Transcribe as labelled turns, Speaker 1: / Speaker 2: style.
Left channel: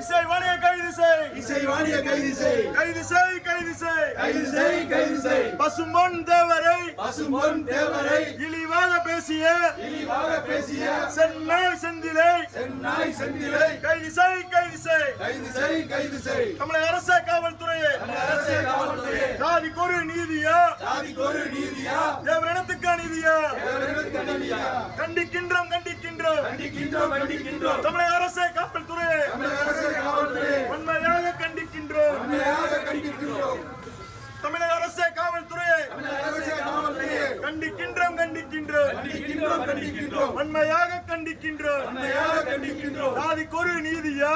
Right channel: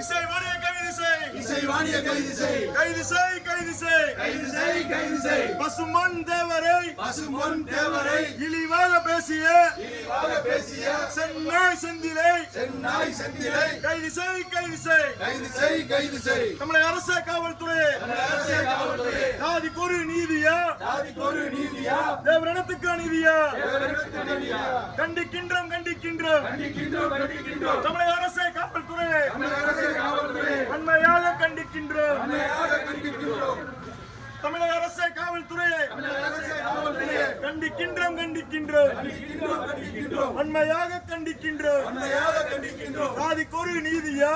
Speaker 1: இசைவாணியை கைது செய்
Speaker 2: இசைவாணிய கைது செய்
Speaker 1: கைது செய் கைது செய்
Speaker 2: கைது செய் கைது செய்
Speaker 1: பசுமன் தேவரை.
Speaker 2: பசும்பொன் தேவரை.
Speaker 1: இழிவாக பேசிய
Speaker 2: இழிவாக பேசிய
Speaker 1: சென்னாய் செந்திலை.
Speaker 2: சென்னாய் செந்திலை.
Speaker 1: கைது செய் கைது செய்
Speaker 2: கைது செய் கைது செய்
Speaker 1: தமிழக அரசு காவல்துறையே.
Speaker 2: அரசியல் காவல்துறை
Speaker 1: ஜாதிக்கு ஒரு நீதியா?
Speaker 2: ஜாதிக்கு ஒரு நீதியா?
Speaker 1: தேவரிடத்துக்கு நீதியா
Speaker 2: தேவர்களுக்கு நீதியா
Speaker 1: கண்டிக்கின்றோம் கண்டிக்கின்றோம்.
Speaker 2: கண்டிக்கின்றோம் கண்டிக்கின்றோம்.
Speaker 1: தமிழக அரசு காவல்துறையே
Speaker 2: தமிழக அரசியல் காவல்துறை
Speaker 1: உண்மையாக
Speaker 2: உண்மையாக கண்டிக்கின்றோம்.
Speaker 1: தமிழக அரசு
Speaker 2: காவல்துறையை.
Speaker 1: கண்டிக்கின்றோம் கண்டிக்கின்றோம்.
Speaker 2: கண்டிக்கின்றோம் கண்டிக்கின்றோம்.
Speaker 1: உண்மையாக கண்டிக்கின்றோம்.
Speaker 2: உண்மையாக கண்டிக்கின்றோம்.
Speaker 1: ஜாதிக்கு ஒரு நீதியா